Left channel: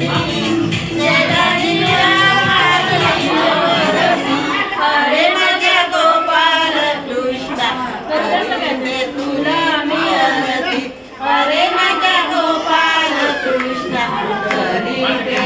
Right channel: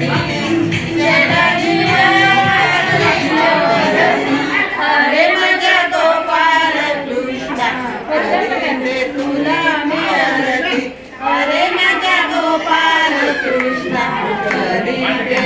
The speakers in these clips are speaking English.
Thank Mata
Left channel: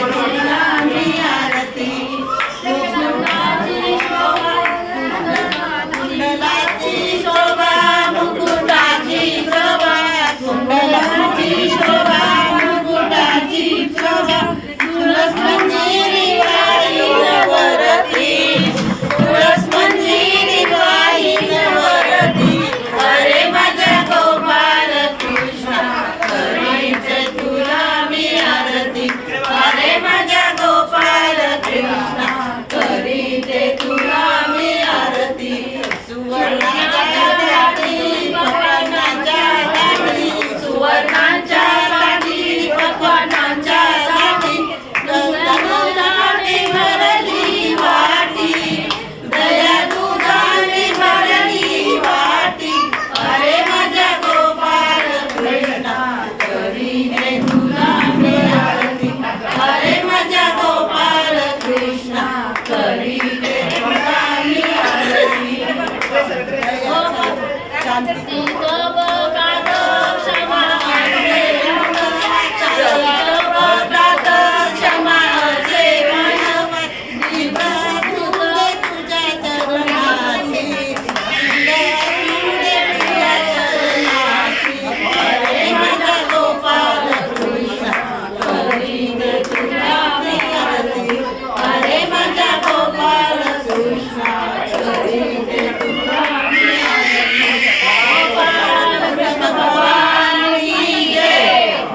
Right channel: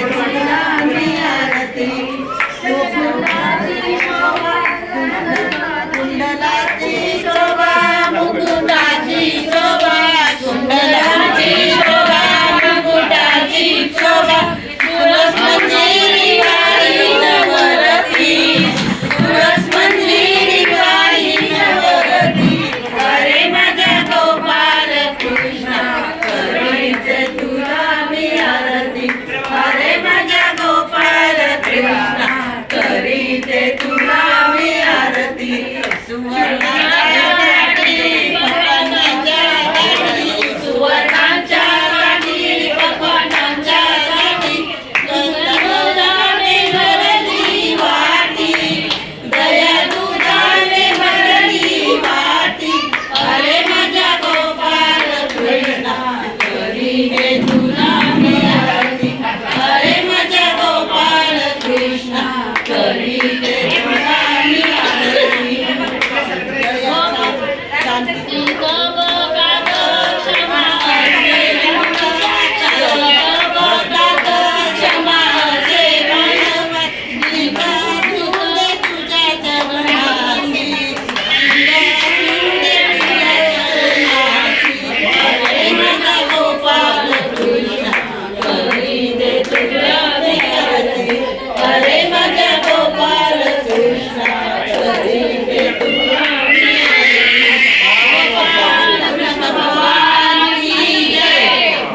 শান্তি